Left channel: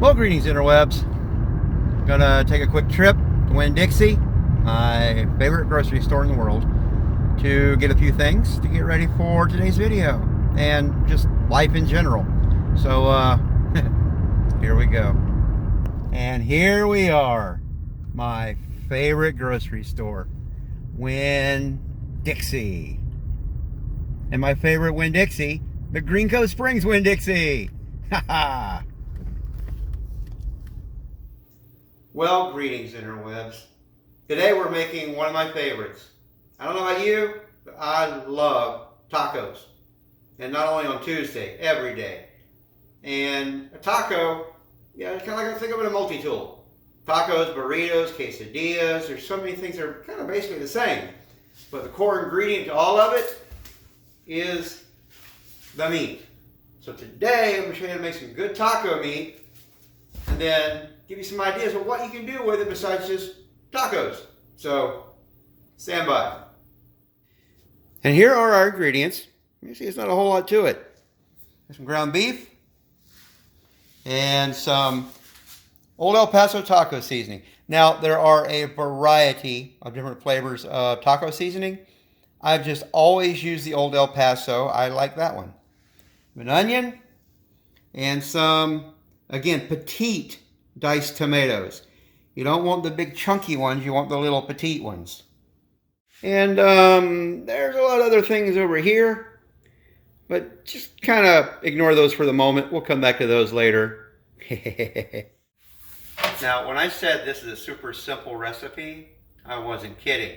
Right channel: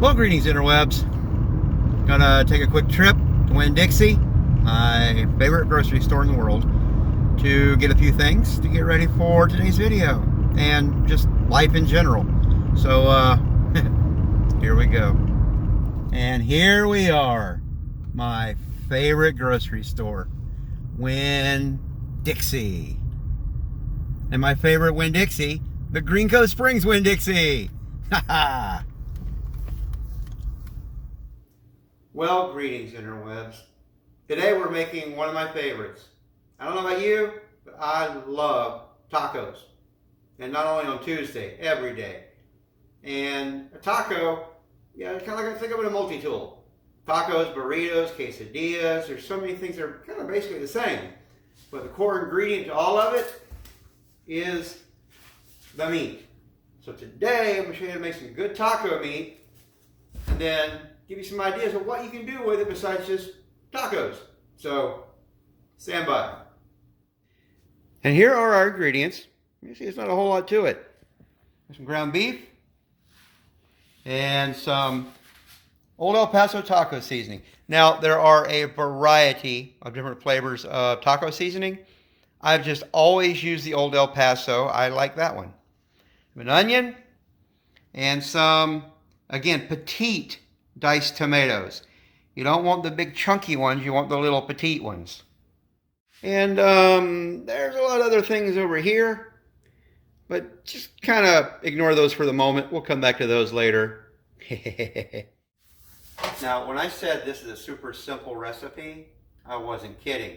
Well, greetings, interwebs. Gonna take a quick trip to Winn-Dixie, my favorite grocery store in the world, to get a few things to get ready for today's video and just life in general. So, here we go. And here we are, my favorite grocery store, Winn-Dixie. And my favorite Winn-Dixie, the Green Cove Springs Winn-Dixie. Ha! Well, greetings, interwebs. Today we're making one of my favorites. I don't know about you, but I love tacos. And not only on Tuesday, every day. And a taco, yeah, it's kind of like I think of it a multi-tool. Tacos, burritos, quesadillas, there's so many things that are kind of basically the same. But the core ingredient to all of it is the meat. So today I'm going to show you how to make some good taco meat and then give you some ideas of what you can do with it besides just tacos. So, stand by. And here are our ingredients. You see, it's not a whole lot to it. There's some ground beef and some Old El Paso taco seasoning. Now, there are a variety of different flavors of taco seasoning. I've just always used the Old El Paso. I like that one. An onion and some, again, petite diced tomatoes. You don't want the big chunky ones, you want the little petite ones. And there's a lot of other things over here, but just kind of ignore those for the moment. We'll come back to those later. Now, when I said this is a super simple recipe, I wasn't kidding.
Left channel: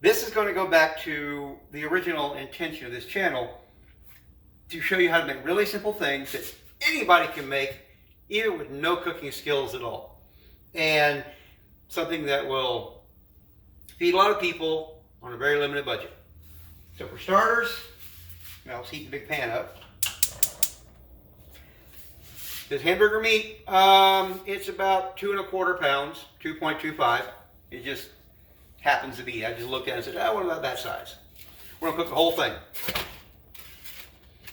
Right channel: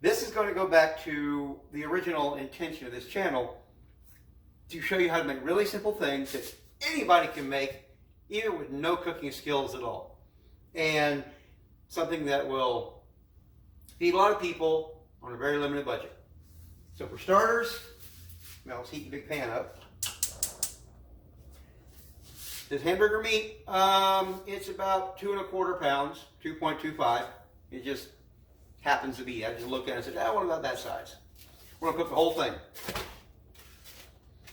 This is going to go back to the original intention of this channel, to show you how to make really simple things that anybody can make, even with no cooking skills at all. And something that will feed a lot of people on a very limited budget. So for starters, now let's heat the big pan up. This hamburger meat, it's about 2 1/4 pounds, 2.25. It just happens to be. I just looked at it and said, what about that size? We're gonna cook the whole thing.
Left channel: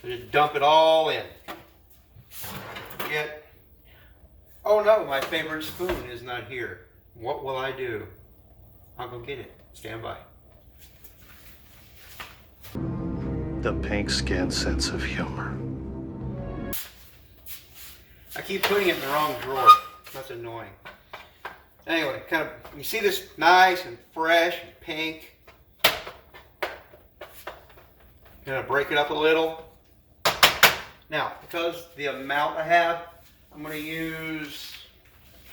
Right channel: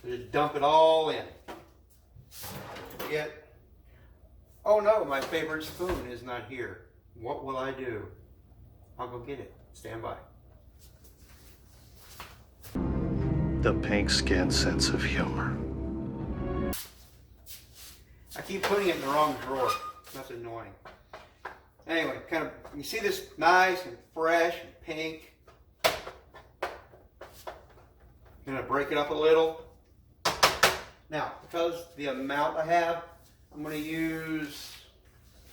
Just dump it all in. Yet, oh no, my favorite spoon is not here. What will I do? I'll go get it. Stand by. The pink-skinned sense of humor. I keep putting it in the wrong drawer. That's annoying. Anyway, kind of, you see this nice and fresh and pink. Gonna break it up a little. Now, because the amount I have, I'm going to use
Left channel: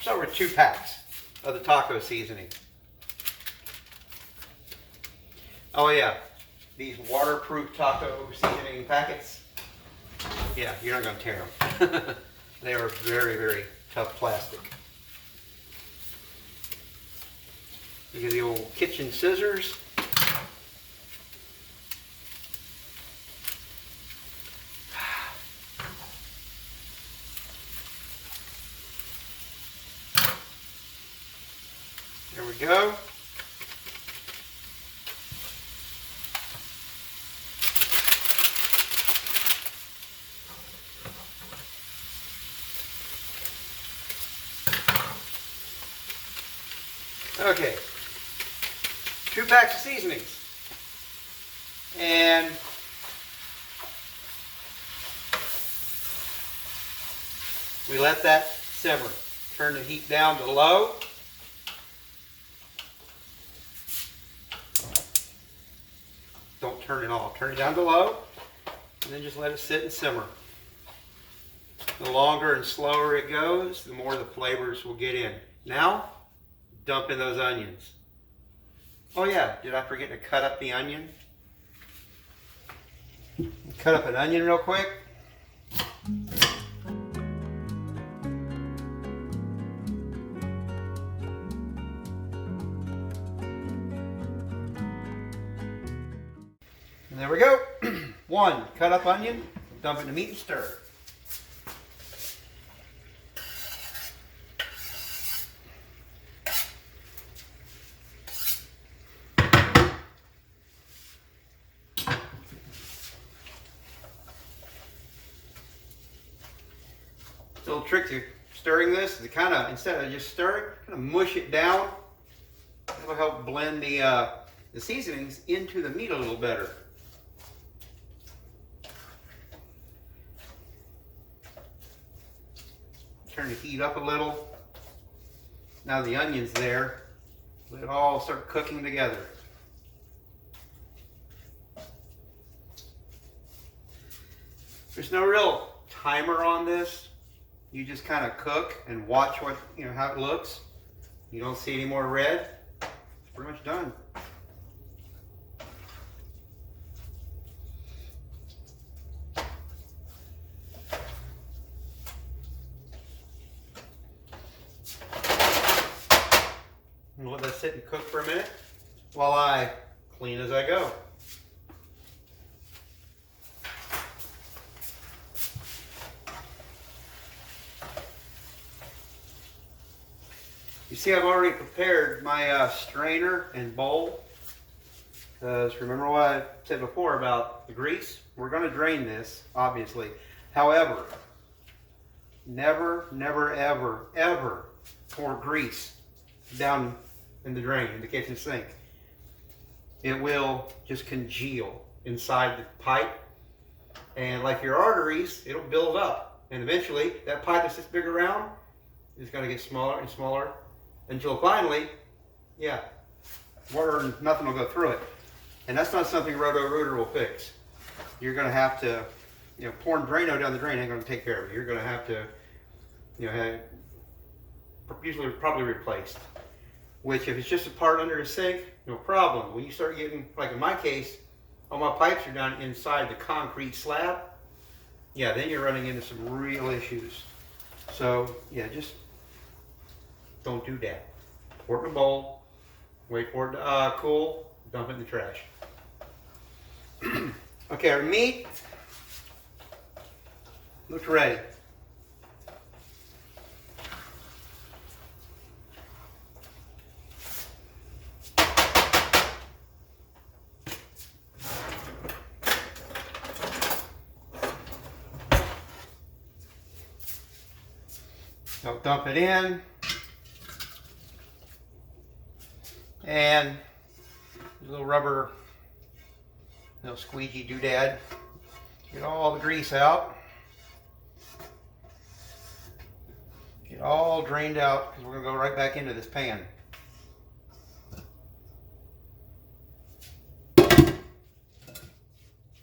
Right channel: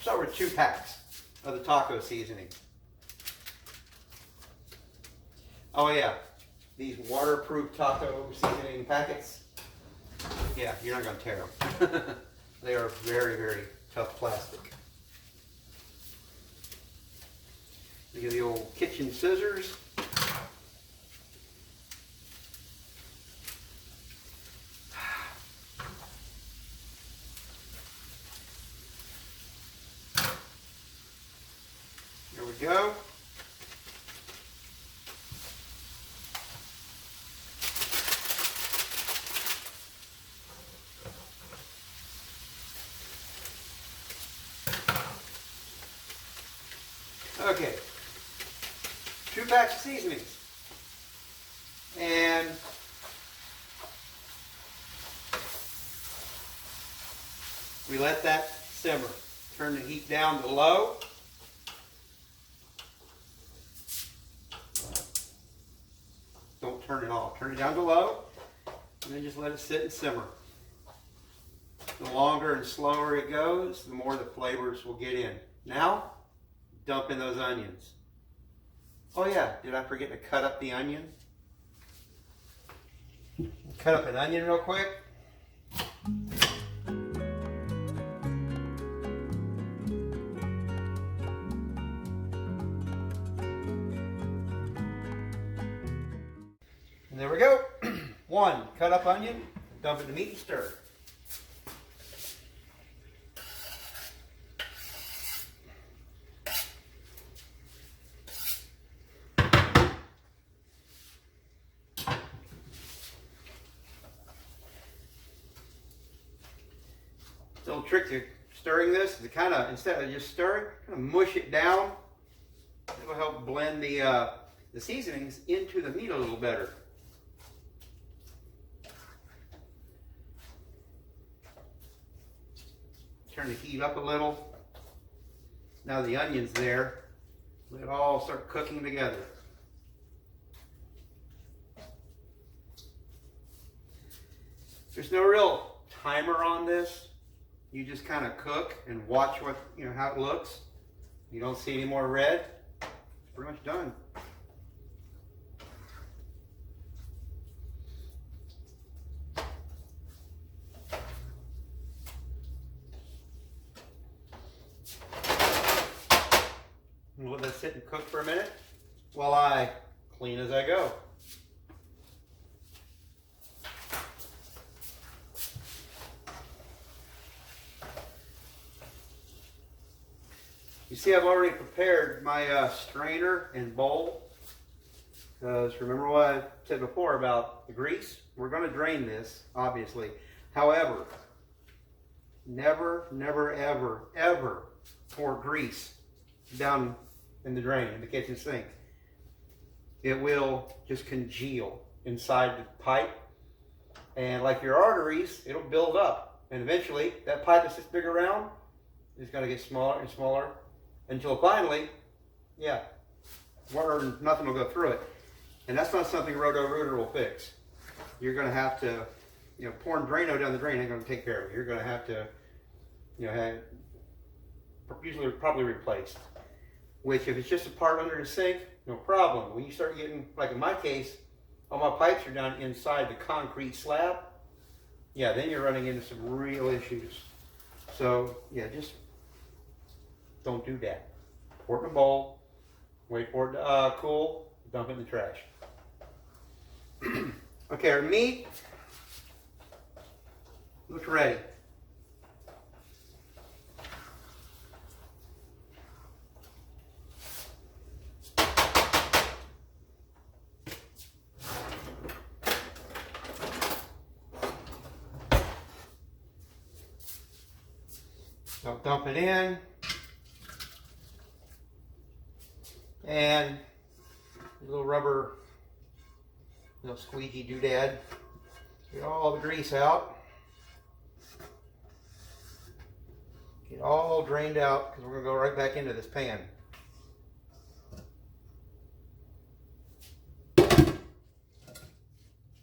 somewhere 2 packs of the taco seasoning. Oh yeah, these waterproof taco seasoning packets. Yeah, you're not going to tear them. They are very, very tough plastic. You get the old kitchen scissors. There we go. Okay. 2 packs of seasonings. And we let that simmer. Turn the heat down to low. Don't turn it off. Turn it down to low, and then just let it sit and simmer. The longer and slower it goes, the more the flavors will get in. Now, dump in those onions. Oh yeah, did I forget to cut up the onion? Cut up an onion real quick. And there we go. 1 cut up onion, dump it in the meat and stir. It's a little trick to stirring this is to kind of, instead of just stirring, kind of mush it down. It'll help blend the seasonings into the meat a little better. Turn the heat up a little. Now the onion's there. Let it all start cooking together. There's no real timer on this. You just kind of cook and watch what, how it looks. You don't see any more red. It's pretty much done. And let that sit and cook for a minute while I clean as I go. You see, I've already prepared my strainer and bowl. Because remember what I said before about the grease? We're going to drain this, obviously. However, never, never, ever, ever pour grease down in the drain, in the kitchen sink. It will just congeal inside the pipe. And like your arteries, it'll build up. And eventually, that pipe that's this big around is going to get smaller and smaller. Until finally, water and nothing will go through it. And that's not something Roto-Rooter will fix. You're going to have to, pouring Drano down the drain ain't going to take care of it. You're going to have to, usually probably replaced. Which if it's just a part under the sink, no problem. When you start getting, like in my case, all my pipes are down inside the concrete slab, then you're running into some real issues. So, just don't do that. Pour it in a bowl, wait for it to cool, dump it in the trash. Okay, our meat looks ready. I'll dump it in. And a little rubber, little squeegee doodad. Get all the grease out. Get all drained out because we're going to go right back into this pan.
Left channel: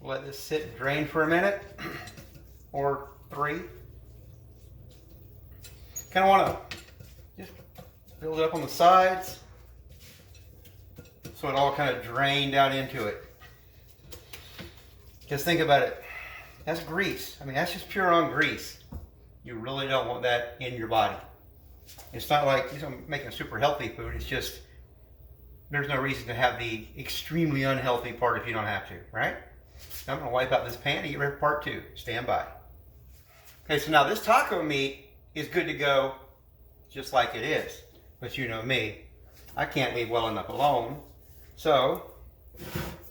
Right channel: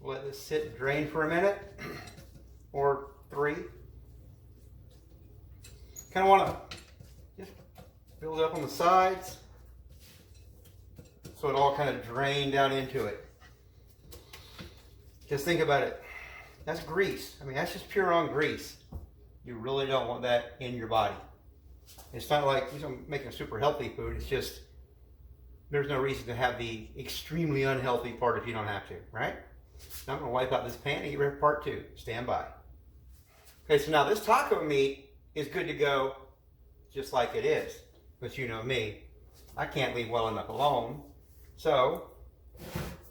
Let this sit and drain for a minute or 3. Kind of want to just build it up on the sides. So it all kind of drained down into it. Just think about it. That's grease. I mean, that's just pure on grease. You really don't want that in your body. It's not like making super healthy food. It's just, there's no reason to have the extremely unhealthy part if you don't have to, right? Now I'm going to wipe out this pan and get ready for part 2. Stand by. Okay, so now this taco meat is good to go just like it is. But you know me, I can't leave well enough alone. So,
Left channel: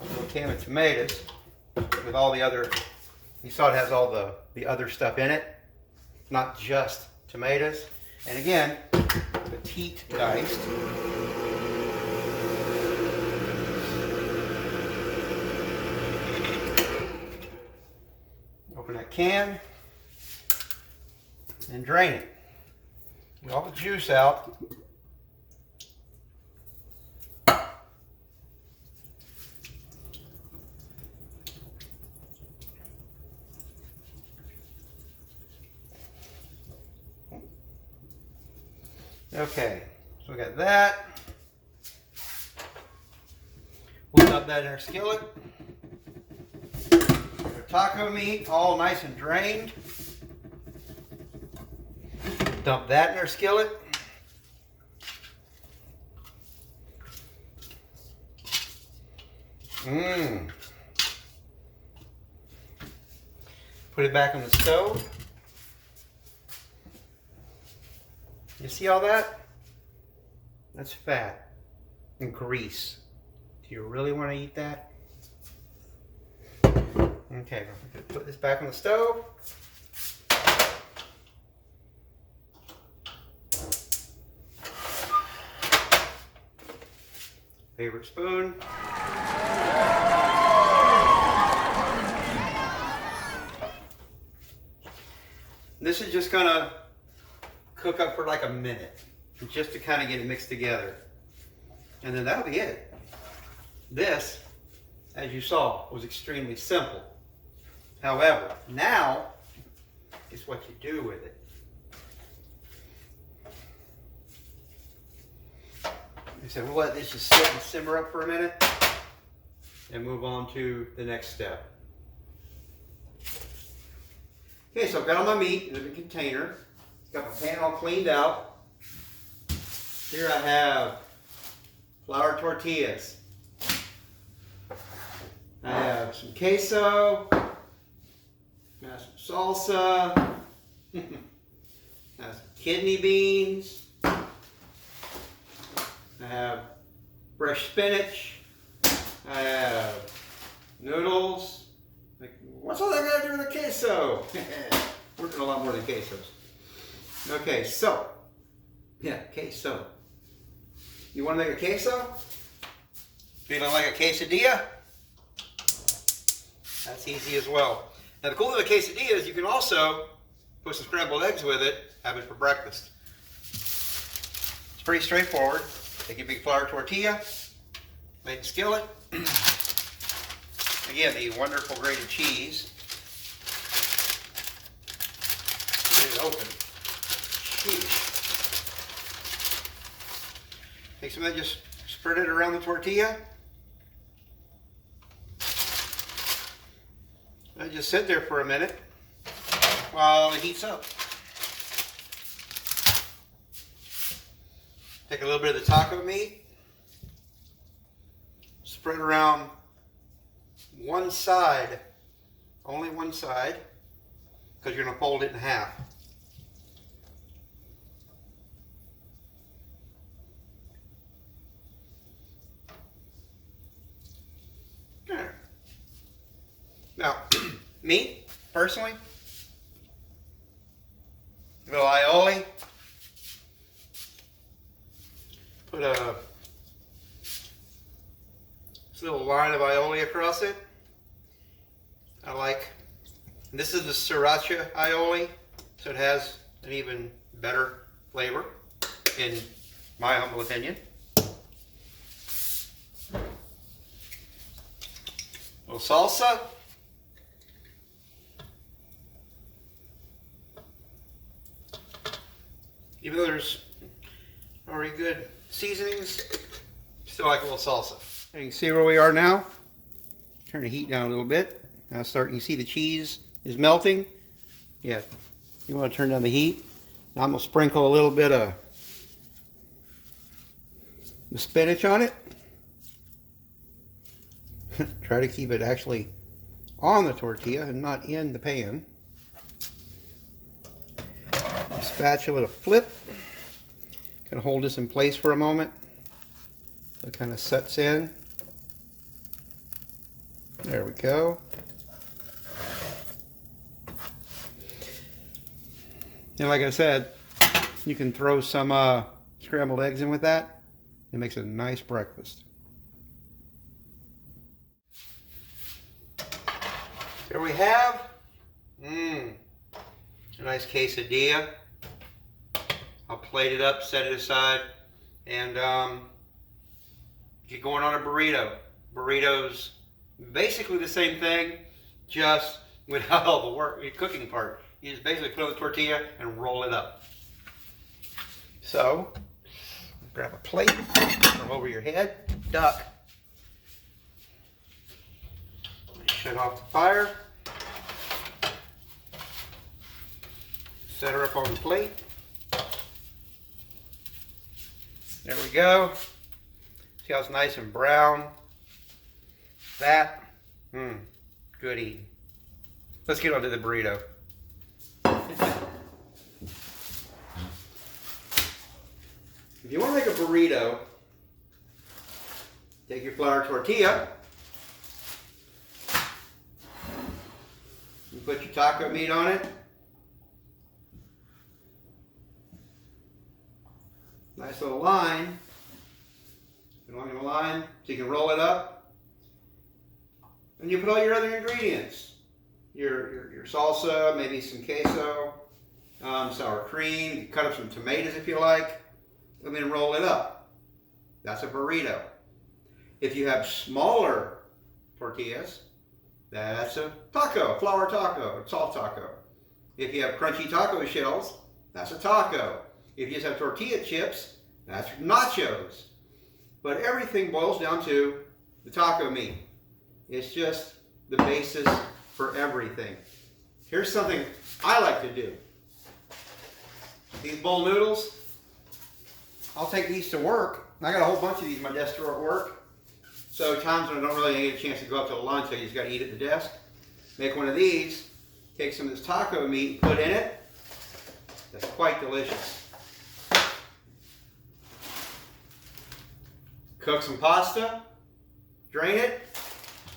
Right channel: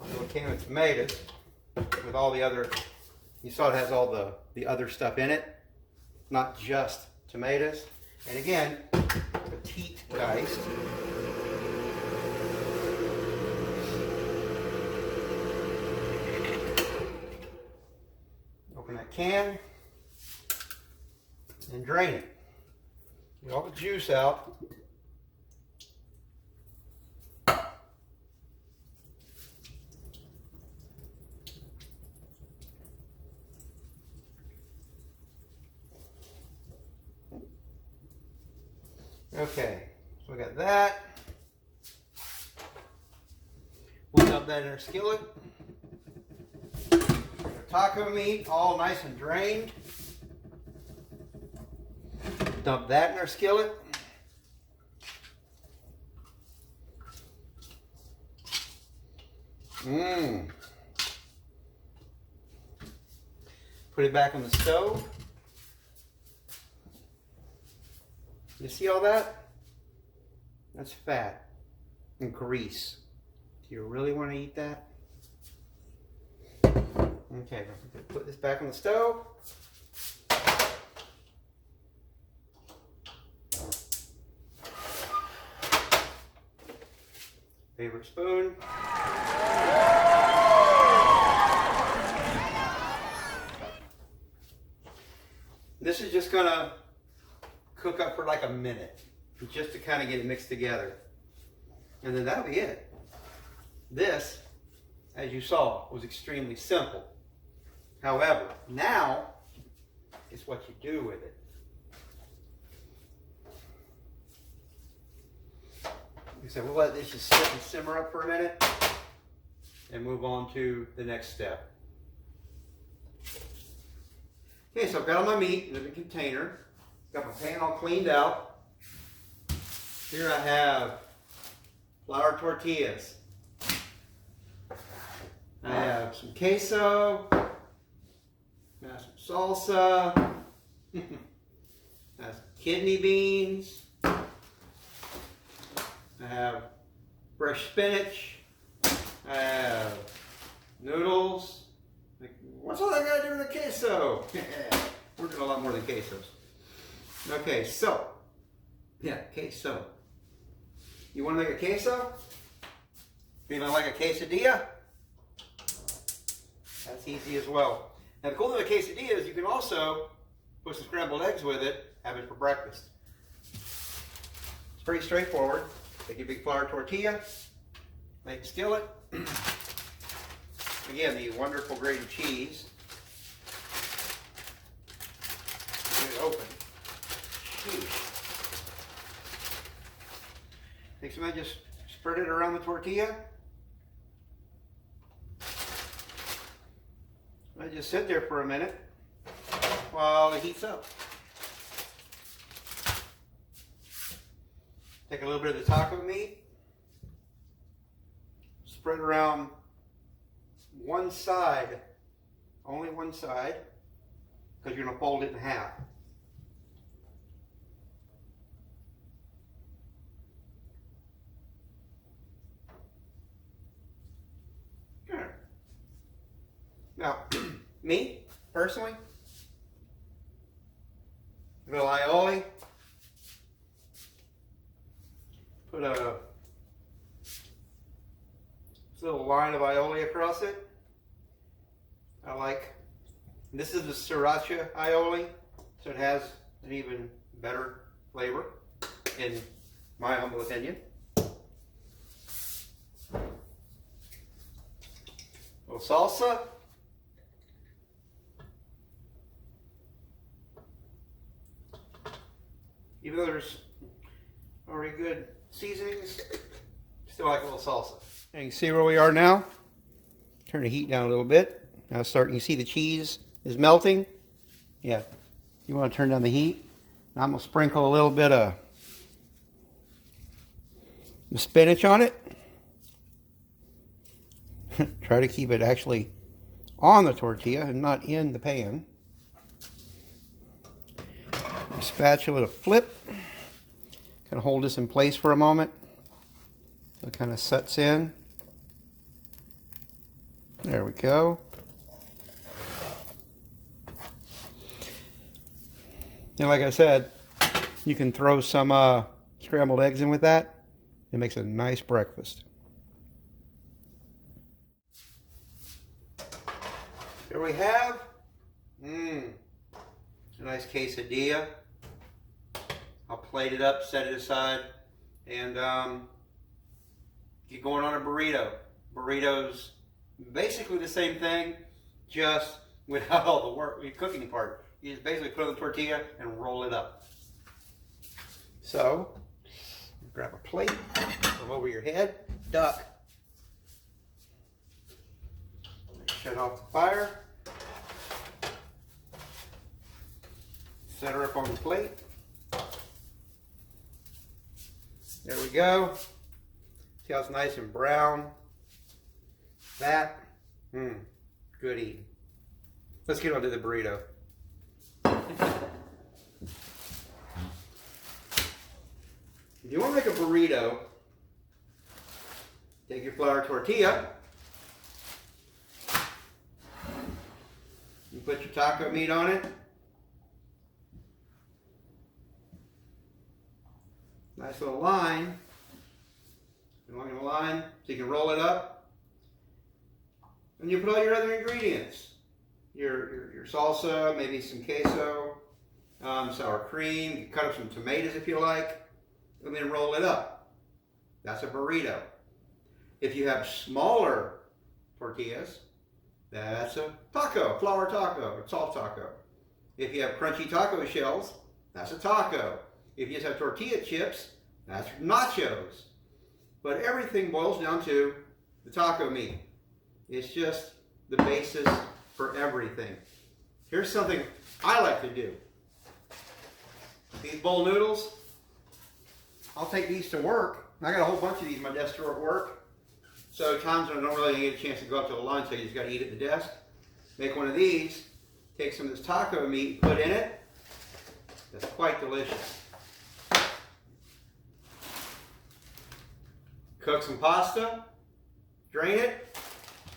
a little can of tomatoes with all the other, you saw it has all the other stuff in it, not just tomatoes. And again, petite diced. Open that can and drain it. Get all the juice out. Okay, so we got that. We'll dump that in our skillet. Our taco meat, all nice and drained. Dump that in our skillet. Put it back on the stove. You see all that? That's fat and grease. Do you really want to eat that? Okay, put this back on the stove. favorite spoon. This is just gonna cook up for like a minute, just to kind of get it mixed together. And then that'll be it. This, as you saw, was extremely simple. However, now is what you do with it. So we'll let this just sit and simmer up for a minute and move on to the next step. Okay, so I've got all my meat in a container. Got my pan all cleaned out. Here I have flour tortillas. I have some queso. I have some salsa. I have some kidney beans. I have fresh spinach. I have noodles. Like, what's all that got to do with the queso? We're doing a lot more than quesos. Okay, so, yeah, queso. You want to make a queso? Feeling like a quesadilla? That's easy as well. Now the cool thing with quesadilla is you can also put some scrambled eggs with it, have it for breakfast. It's pretty straightforward. Take a big flour tortilla, make a skillet. Again, the wonderful grated cheese. Get it open. Sheesh. Take some of that, just spread it around the tortilla. I just sit there for a minute while it heats up. Take a little bit of the taco meat, spread around one side, only one side, because you're going to fold it in half. Okay. Now, me, personally, a little aioli. Put this little line of aioli across it. I like, this is the sriracha aioli, so it has an even better flavor, in my humble opinion. A little salsa. Even though there's already good seasonings, still like a little salsa. And you can see where we are now. Turn the heat down a little bit. Now you see the cheese is melting. Yeah, you want to turn down the heat. Now I'm going to sprinkle a little bit of the spinach on it. Try to keep it actually on the tortilla and not in the pan. Spatula to flip. Gonna hold this in place for a moment so it kind of sets in. There we go. And like I said, you can throw some scrambled eggs in with that. It makes a nice breakfast. Here we have a nice quesadilla. I'll plate it up, set it aside, and get going on a burrito. Burritos, basically the same thing, just without all the work, the cooking part. You just basically put on the tortilla and roll it up. So, grab a plate from over your head, duck. Shut off the fire. Set her up on the plate. There we go. See how it's nice and brown? That, good eating. Let's get on to the burrito. If you want to make a burrito, take your flour tortilla, you put your taco meat on it. Nice little line. And along the line so you can roll it up. And you put all your other ingredients. Your salsa, maybe some queso, sour cream. You cut up some tomatoes if you like, and then roll it up. That's a burrito. If you have smaller tortillas, that's a taco, flour taco, or salt taco. If you have crunchy taco shells, that's a taco. If you just have tortilla chips, that's nachos. But everything boils down to the taco meat. It's just the basis for everything. Here's something I like to do. These bowl noodles, I'll take these to work. I got a whole bunch of these in my desk drawer at work. So times when I don't really get a chance to go up to lunch, I just got to eat at the desk. Make one of these, take some of this taco meat, put in it. That's quite delicious. Cook some pasta, drain it,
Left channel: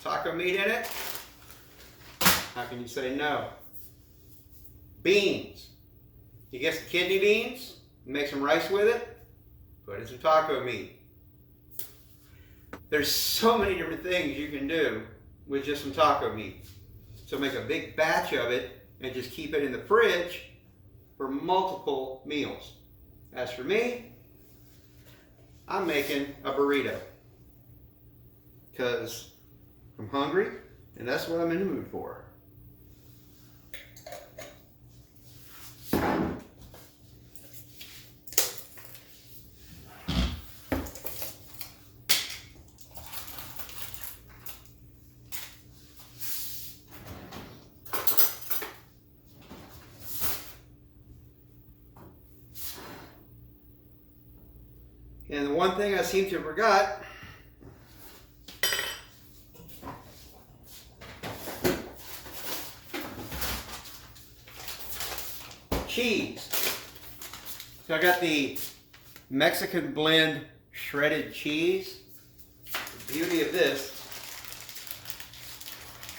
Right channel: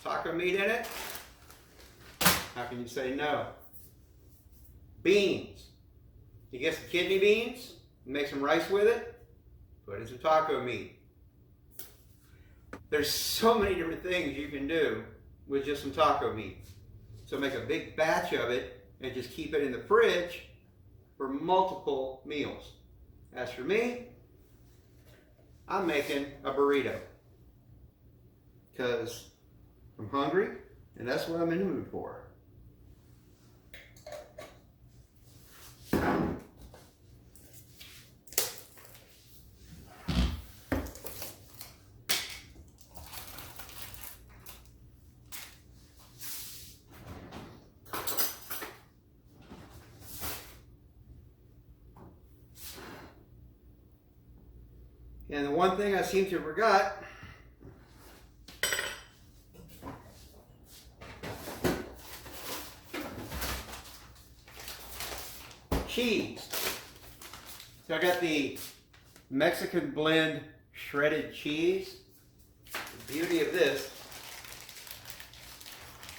taco meat in it. How can you say no? Beans. You get some kidney beans, make some rice with it, put in some taco meat. There's so many different things you can do with just some taco meat. So make a big batch of it and just keep it in the fridge for multiple meals. As for me, I'm making a burrito because I'm hungry and that's what I'm in the mood for. And the one thing I seem to have forgot, cheese. So I got the Mexican blend shredded cheese. The beauty of this,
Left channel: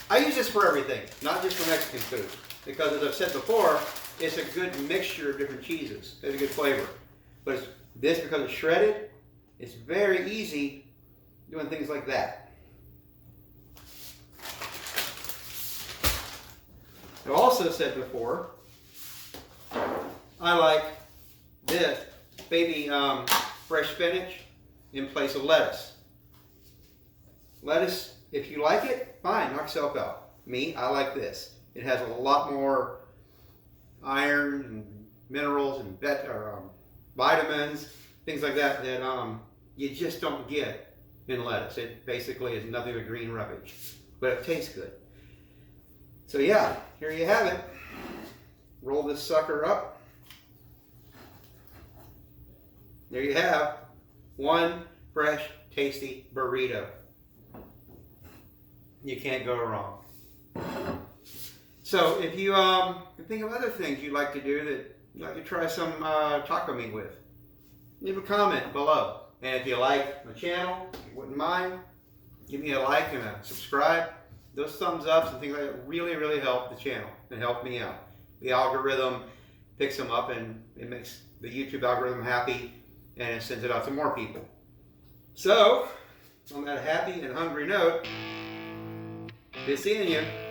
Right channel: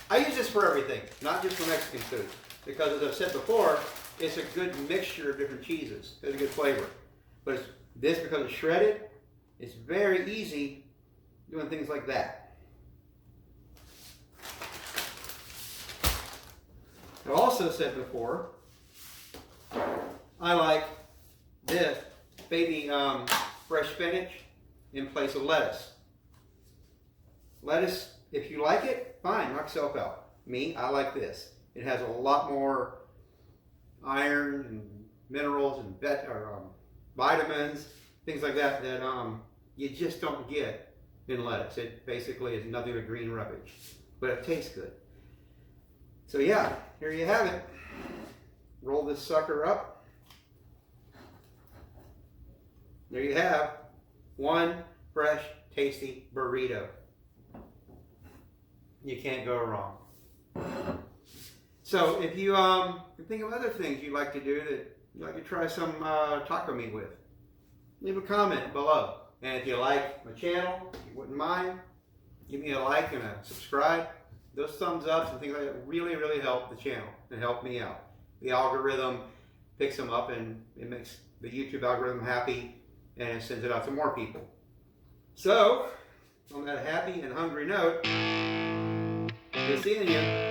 I use this for everything, not just for Mexican food. Because as I've said before, it's a good mixture of different cheeses. It's a good flavor. But this, because it's shredded, it's very easy doing things like that. I've also said before, I like this baby fresh spinach in place of lettuce. Lettuce, if you like it, fine, knock yourself out. Me, I like this. It has a lot more iron and minerals and vitamins, things like that that you just don't get in lettuce. It basically is nothing but green rubbish, but it tastes good. So yeah, here you have it. Roll this sucker up. There you have one fresh, tasty burrito. You can't go wrong. So if you think of other things you'd like to do that you'd like to try some taco meat with, leave a comment below. And if you like my channel, if you wouldn't mind, give me a like and a subscribe. Those thumbs ups and things like that really, really help the channel and help me out. The algorithm picks them up and it makes the YouTube algorithm happy and it sends it out to more people. So, on that happy and hungry note, good seeing you.